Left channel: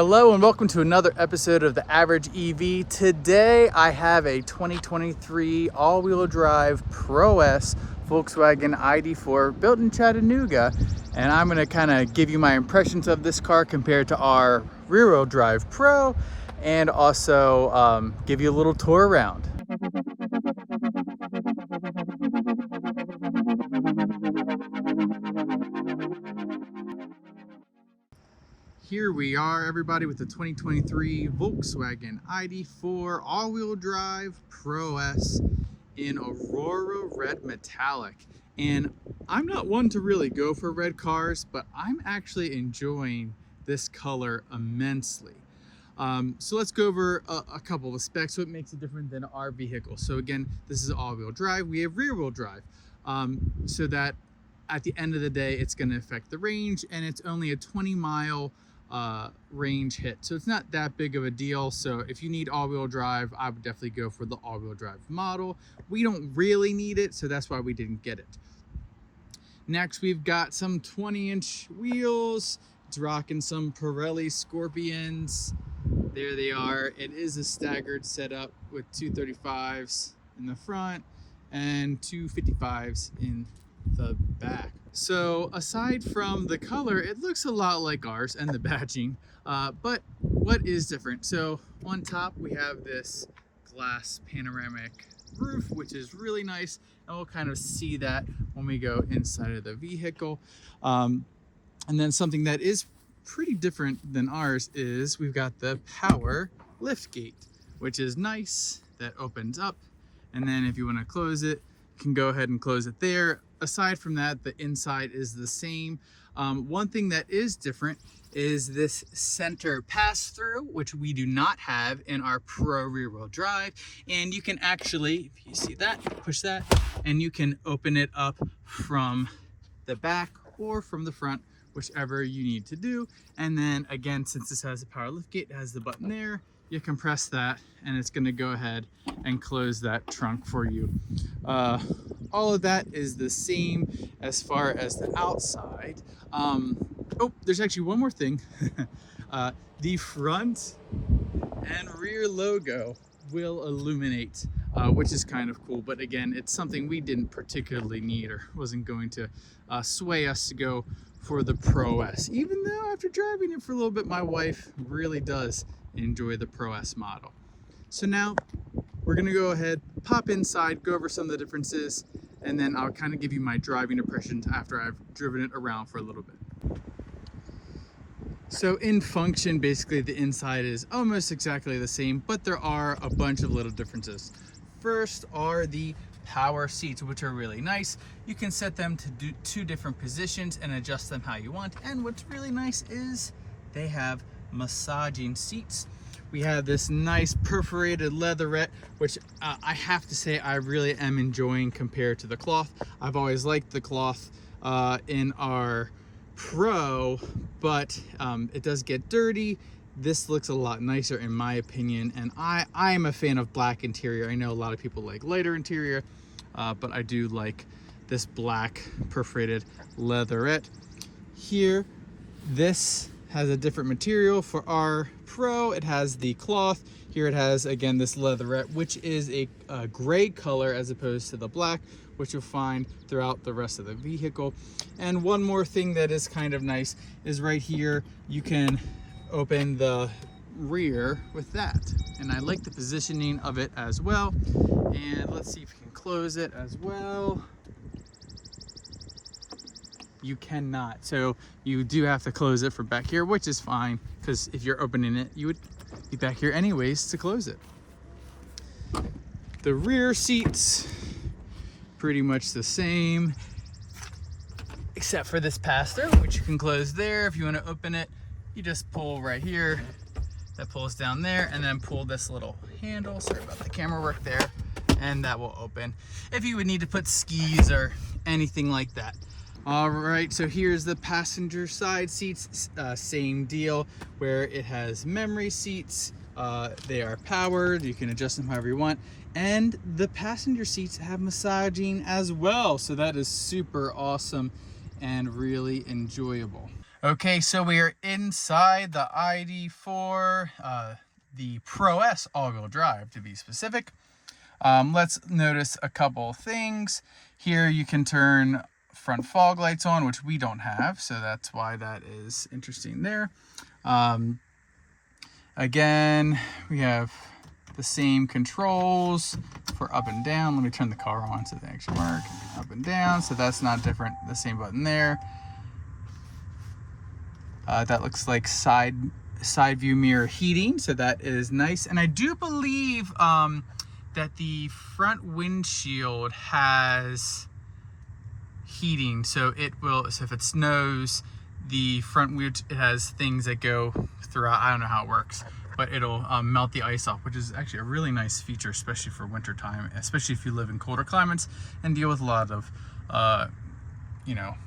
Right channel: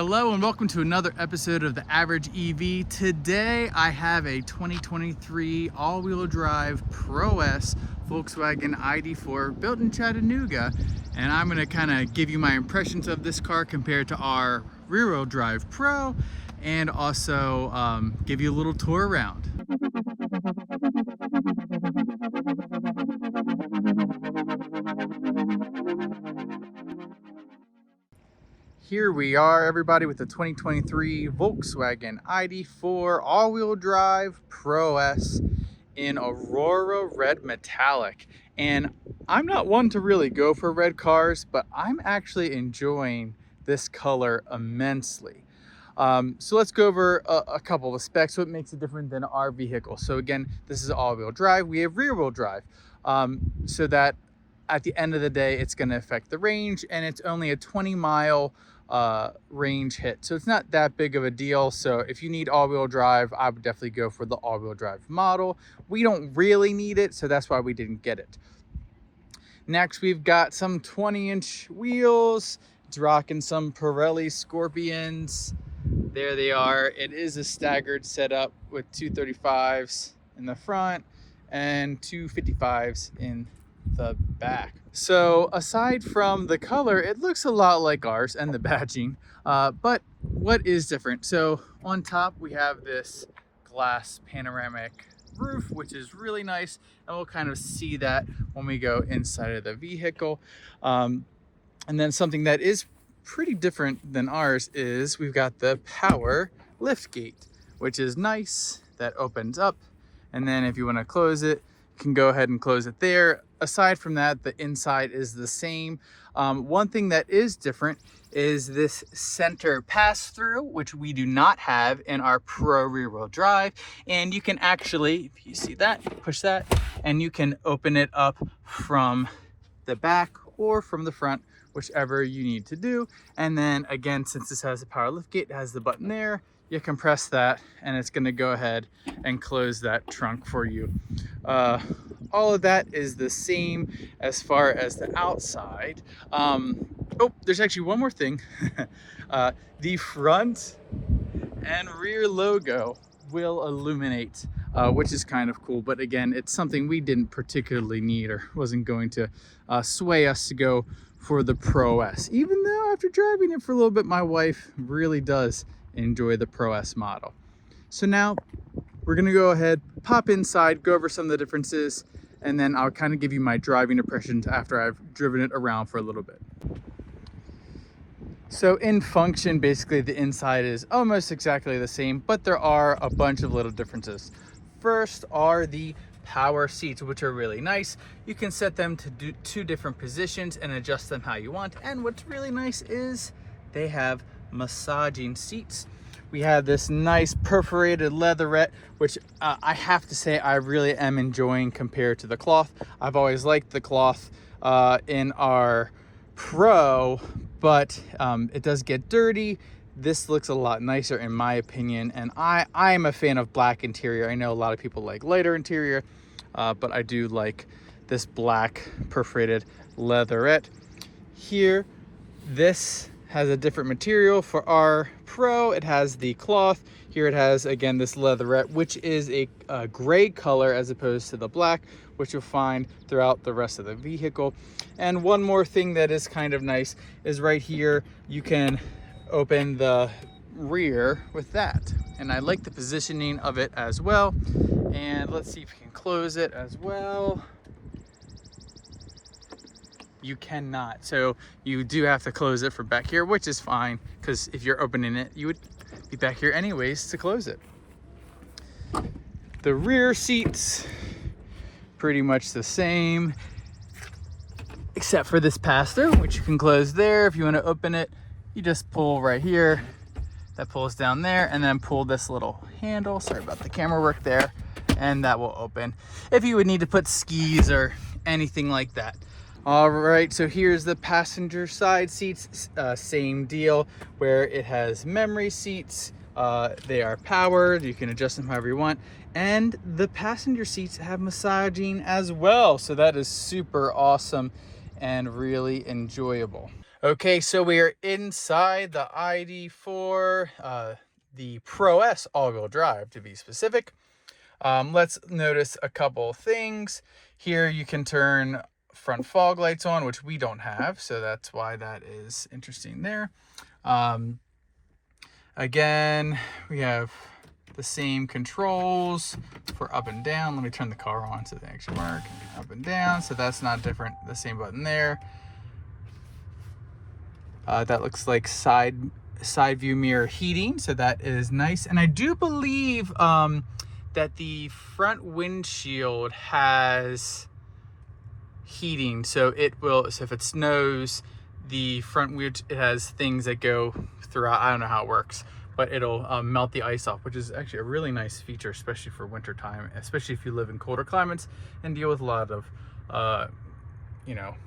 Hello and welcome to another episode of The Average EV. Today I have a 2023 all-wheel drive Pro S Volkswagen ID.4 built in Chattanooga, and I'm going to kind of give you my impressions of this car compared to our rear-wheel drive Pro, and also give you a little tour around. Here we are, everybody, with the 2023 Volkswagen ID.4 all-wheel drive Pro S in Aurora Red Metallic. And I'm not one to really go for red cars, but I'm actually enjoying this color immensely. So let's go over a couple of specs, what makes it different than our vehicle. So again, this is all-wheel drive. We have rear-wheel drive, so that at the end of the day, it's going to affect the range, and it's only a 20-mile range hit, so it's not that big of a deal. So if you need all-wheel drive, I would definitely go for the all-wheel drive model. We don't really need it, so that's why we didn't get it. Next, we've got some 20-inch wheels. It's rocking some Pirelli Scorpions. There they are. It is a staggered setup with 235s in the front and 255s in the back. So aside from the color, it looks a lot like ours and the badging, but what is different? So on top we have this glass panoramic roof, which is really nice, and we'll kind of see that when we go inside of the vehicle. And then something that is pretty different than ours is we've got the power lift gate, which is nice. That opens up, and then if you want to close it, you can go ahead and close it there. Aside from that, the inside is the same. One thing that is different is this center pass-through, which we do not have in our Pro rear-wheel drive. And you can actually, if you see that, push that, and you can open it up from the back or from the front, whichever you need to do. And then again, since this has the power lift gate, it has the button there. You can press that, and it's going to go ahead and close that trunk for you. All of that is the same as far as the outside. Oh, there's actually one more thing. The front and rear logo will illuminate, which is kind of cool. But again, it's something we didn't particularly need, or wasn't going to sway us to go for the Pro S. Even though after driving it for a little bit, my wife really does enjoy the Pro S model. So now we're gonna go ahead, pop inside, go over some of the differences, and then I'll kind of give you my driving impressions after I've driven it around for a little bit. So in function, basically the inside is almost exactly the same, but there are a bunch of little differences. First are the power seats, which are really nice. You can set them to do two different positions and adjust them how you want. And what's really nice is they have massaging seats. We have this nice perforated leatherette, which I have to say I really am enjoying compared to the cloth. I've always liked the cloth in our Pro, but it does get dirty. This looks a lot nicer in my opinion, and I am a fan of black interior. I know a lot of people like lighter interior, but I do like this black perforated leatherette. Here, this has a different material. For our Pro, it has the cloth. Here it has, again, this leatherette, which is a gray color as opposed to the black, which you'll find throughout the rest of the vehicle. And one more thing that is kind of nice is right here, you can open the rear with that. And I like the positioning of it as well. And let's see if we can close it as well. You cannot, so you do have to close it from back here, which is fine, because if you're opening it, you would be back here anyways to close it. The rear seats, pretty much the same, except for this pass-through, which you can close there. If you want to open it, you just pull right here, that pulls down there, and then pull this little handle, sorry about the camera work there, and that will open if you would need to put skis or anything like that. All right, so here's the passenger side seats. Same deal, where it has memory seats. They are powered. You can adjust them however you want. And the passenger seats have massaging as well. So that is super awesome and really enjoyable. Okay, so we are inside the ID.4, the Pro S all-wheel drive to be specific. Let's notice a couple things. Here you can turn front fog lights on, which we don't have, so that's why that is interesting there. Again, we have the same controls for up and down. Let me turn the car on so they actually work. Up and down, so that's not different. The same button there. That looks like side view mirror heating, so that is nice. And I do believe that the front windshield has heating, so it will. So if it snows, the front wheel, it has things that go throughout. I don't know how it works, but it'll melt the ice off, which is actually a really nice feature, especially for winter time, especially if you live in colder climates and deal with a lot of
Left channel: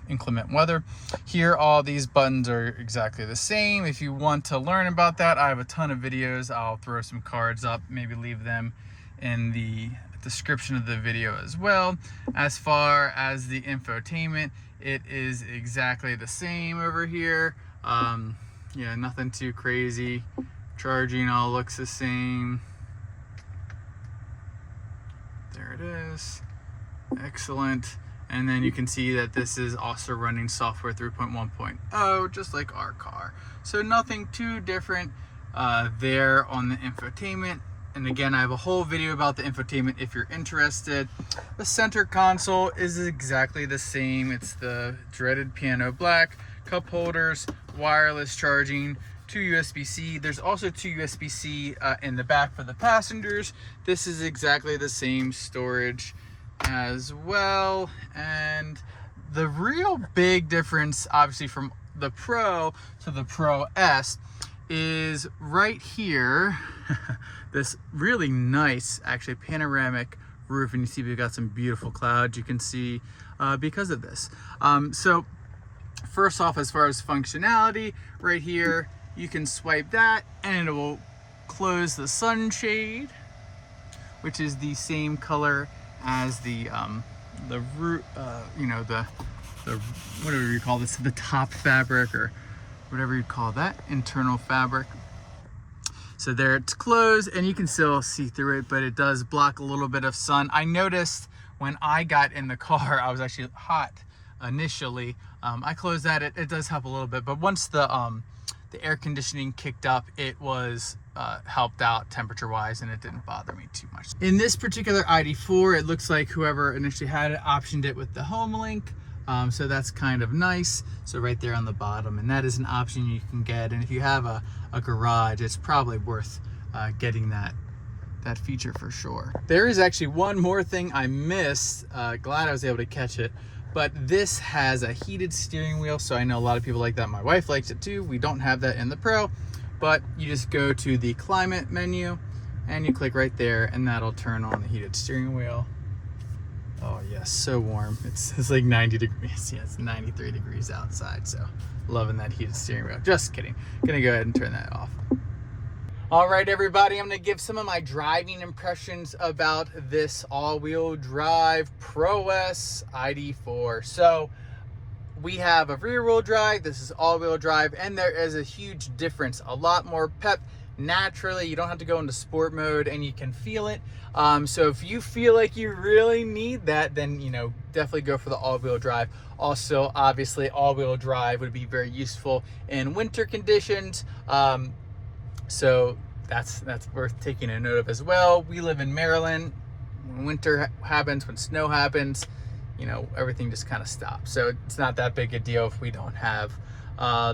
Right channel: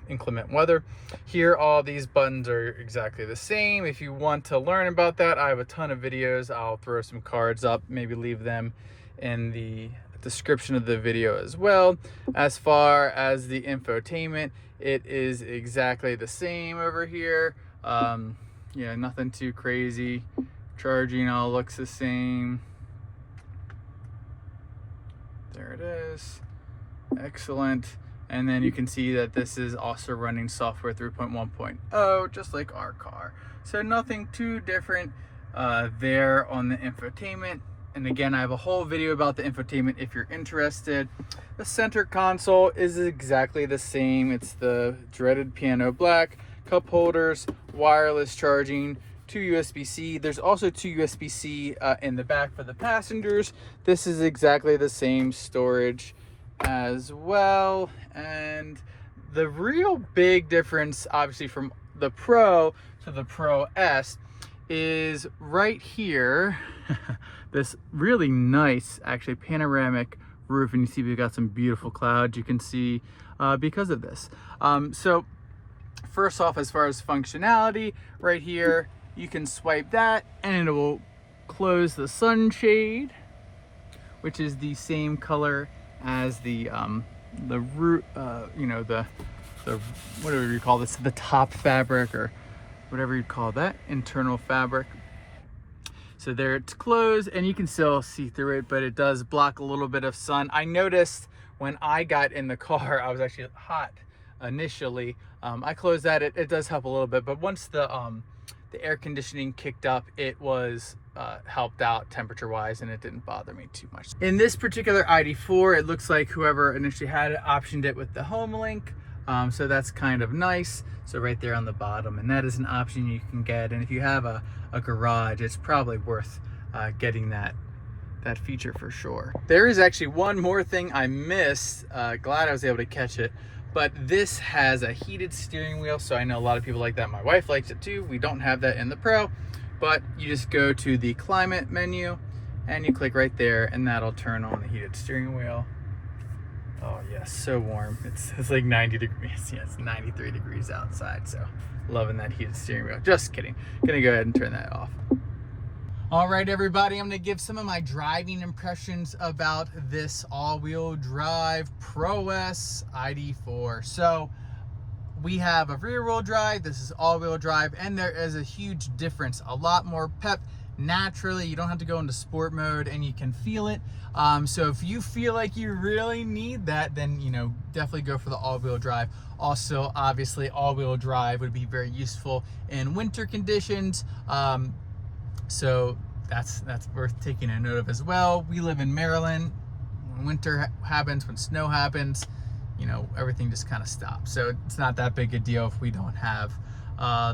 inclement weather. Here, all these buttons are exactly the same. If you want to learn about that, I have a ton of videos. I'll throw some cards up, maybe leave them in the description of the video as well. As far as the infotainment, it is exactly the same over here. Yeah, nothing too crazy. Charging all looks the same. There it is. Excellent. And then you can see that this is also running software 3.1.0, just like our car. So nothing too different there on the infotainment. And again, I have a whole video about the infotainment if you're interested. The center console is exactly the same. It's the dreaded piano black, cup holders, wireless charging, 2 USB-C. There's also 2 USB-C in the back for the passengers. This is exactly the same storage as well. And the real big difference, obviously, from the Pro to the Pro S is right here. This really nice, actually, panoramic roof, and you see we've got some beautiful clouds you can see because of this. So first off, as far as functionality, right here you can swipe that and it will close the sunshade, which is the same color as the roof, the whatever you call this, the top fabric or whatever you call that, internal fabric. So there it's closed and you can still see through it, but it does block a little bit of sun. I noticed when I got in the car, I was actually hot initially. I closed that, it does help a little bit, but once the air conditioning kicked up, it was helped out temperature wise and it didn't bother me too much. In this particular ID.4, it looks like whoever initially had it optioned it with the home link. So that's kind of nice. So right there on the bottom, and that is an option you can get. And if you have a garage, it's probably worth getting that feature for sure. There is actually one more thing I missed. Glad I was able to catch it. But this has a heated steering wheel, so I know a lot of people like that. My wife likes it too. We don't have that in the Pro, but you just go to the climate menu and you click right there and that'll turn on the heated steering wheel. Oh yes, so warm. It's like 90 degrees. Yeah, it's 93 degrees outside, so loving that heated steering wheel. Just kidding. Gonna go ahead and turn that off. All right, everybody, I'm gonna give some of my driving impressions about this all-wheel drive Pro S ID.4. So we have a rear-wheel drive, this is all-wheel drive, and there is a huge difference. A lot more pep naturally. You don't have to go into sport mode and you can feel it. So if you feel like you really need that, then definitely go for the all-wheel drive. Also, obviously, all-wheel drive would be very useful in winter conditions. So that's worth taking a note of as well. We live in Maryland. When winter happens, when snow happens, everything just kind of stops. So it's not that big a deal if we don't have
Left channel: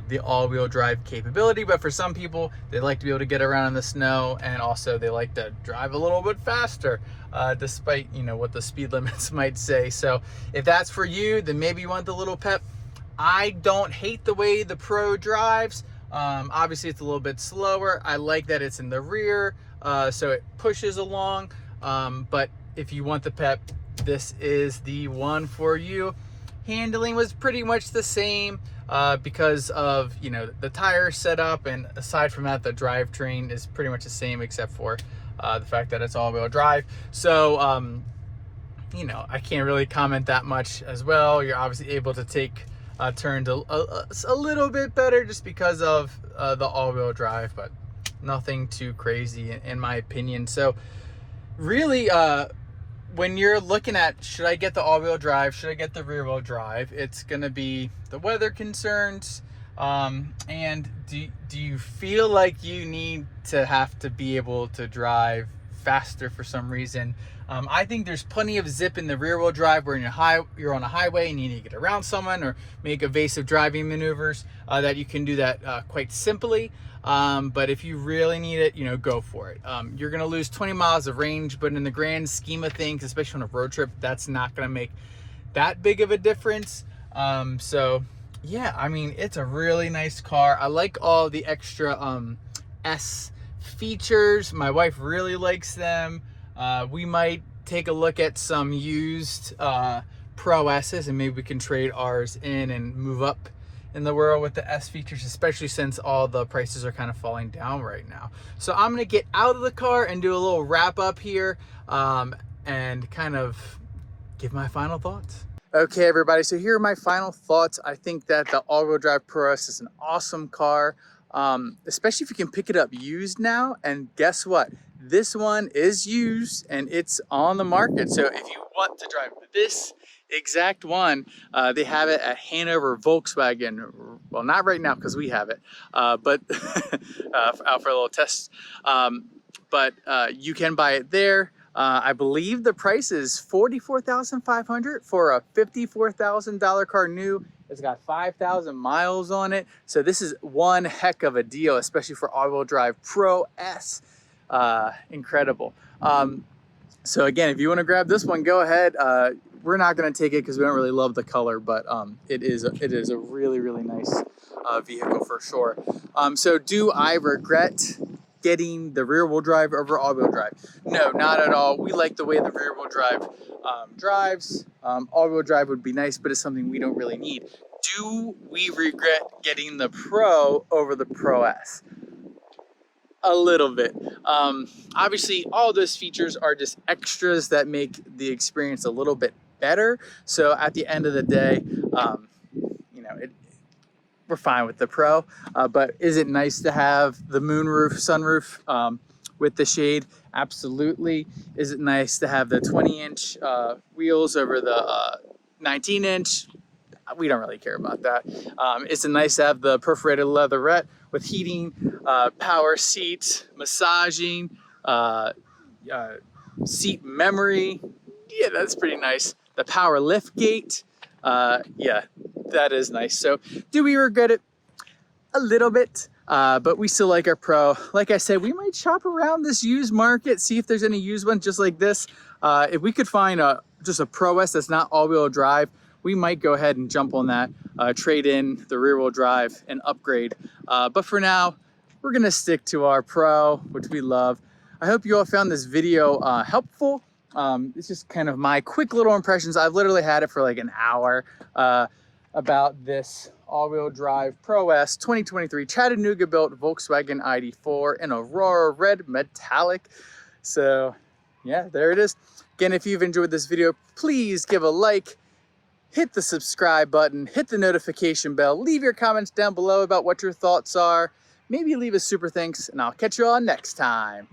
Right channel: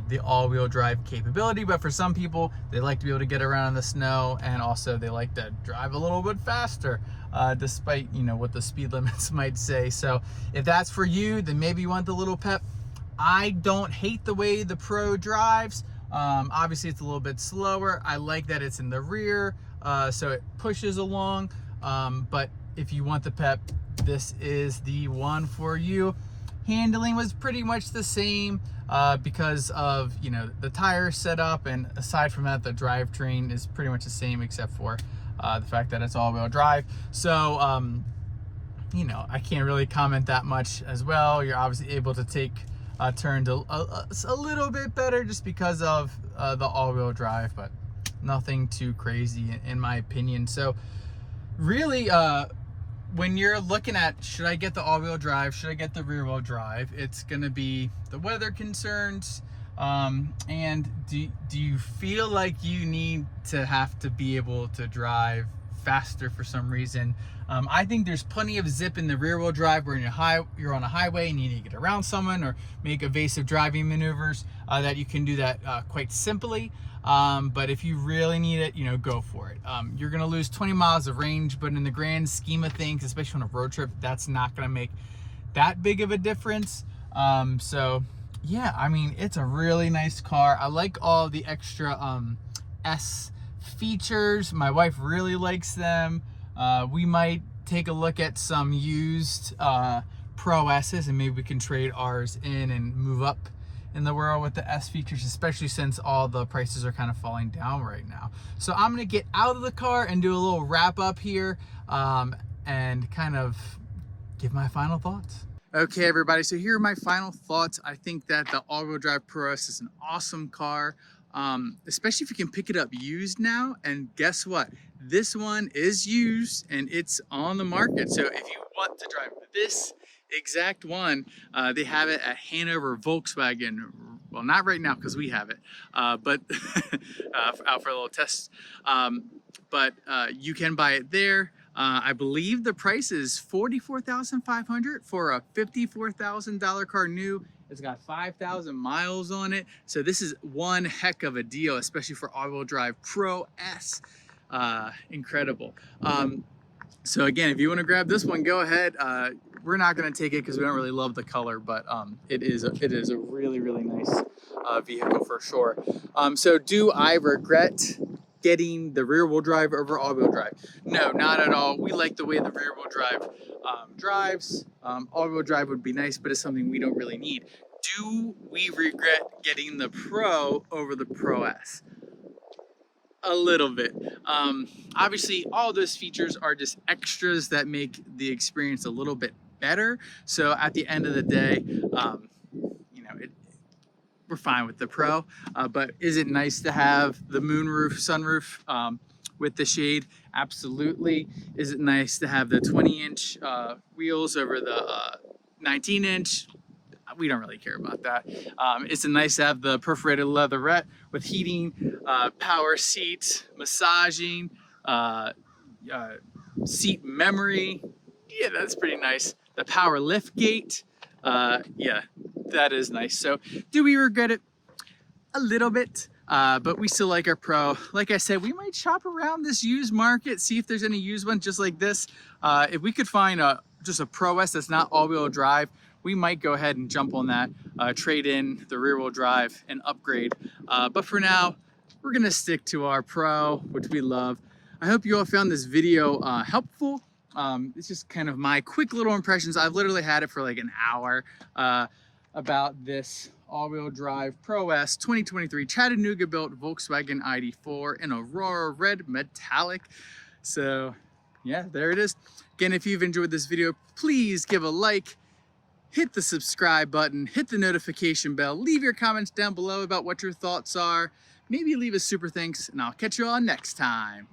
the all-wheel drive capability, but for some people, they like to be able to get around in the snow, and also they like to drive a little bit faster, despite what the speed limits might say. So if that's for you, then maybe you want the little pep. I don't hate the way the Pro drives. Obviously it's a little bit slower. I like that it's in the rear, so it pushes along, but if you want the pep, this is the one for you. Handling was pretty much the same because of the tire setup, and aside from that, the drivetrain is pretty much the same except for the fact that it's all-wheel drive. So I can't really comment that much as well. You're obviously able to take turned a little bit better just because of the all-wheel drive, but nothing too crazy in my opinion. So really, when you're looking at, should I get the all-wheel drive, should I get the rear-wheel drive, it's gonna be the weather concerns, and do you feel like you need to have to be able to drive faster for some reason? I think there's plenty of zip in the rear-wheel drive where you're on a highway and you need to get around someone or make evasive driving maneuvers, that you can do that quite simply. But if you really need it, you know, go for it. You're gonna lose 20 miles of range, but in the grand scheme of things, especially on a road trip, that's not gonna make that big of a difference. So yeah, I mean, it's a really nice car. I like all the extra S features. My wife really likes them. We might take a look at some used Pro S's, and maybe we can trade ours in and move up in the world with the S features, especially since all the prices are kind of falling down right now. So I'm gonna get out of the car and do a little wrap up here, and kind of give my final thoughts. Okay, everybody, so here are my final thoughts. I think that the all-wheel drive Pro S is an awesome car, especially if you can pick it up used now. And guess what? This one is used and it's on the market. So if you want to drive this exact one, they have it at Hanover Volkswagen. Well, not right now because we have it, but out for a little test. But you can buy it there. I believe the price is $44,500 for a $54,000 car new. It's got 5,000 miles on it. So this is one heck of a deal, especially for all-wheel drive Pro S. Incredible. So again, if you want to grab this one, go ahead. We're not going to take it because we don't really love the color, but it is a really, really nice vehicle for sure. So do I regret getting the rear-wheel drive over all-wheel drive? No, not at all. We like the way the rear-wheel drive drives. All-wheel drive would be nice, but it's something we don't really need. Do we regret getting the Pro over the Pro S? A little bit. Obviously, all those features are just extras that make the experience a little bit better. So at the end of the day, you know, we're fine with the Pro, but is it nice to have the moonroof, sunroof with the shade? Absolutely. Is it nice to have the 20-inch wheels over the 19-inch? We don't really care about that. Is it nice to have the perforated leatherette with heating, power seats, massaging, seat memory? Yeah, that's pretty nice. The power lift gate, yeah, that is nice. So do we regret it? A little bit, but we still like our Pro. Like I said, we might shop around this used market, see if there's any used ones just like this. If we could find just a Pro S that's not all-wheel drive, we might go ahead and jump on that, trade in the rear-wheel drive and upgrade. But for now, we're gonna stick to our Pro, which we love. I hope you all found this video helpful. It's just kind of my quick little impressions. I've literally had it for like an hour about this all-wheel drive Pro S 2023 Chattanooga built Volkswagen ID.4 in Aurora Red Metallic. So yeah, there it is. Again, if you've enjoyed this video, please give a like, hit the subscribe button, hit the notification bell, leave your comments down below about what your thoughts are. Maybe leave a super thanks, and I'll catch you all next time.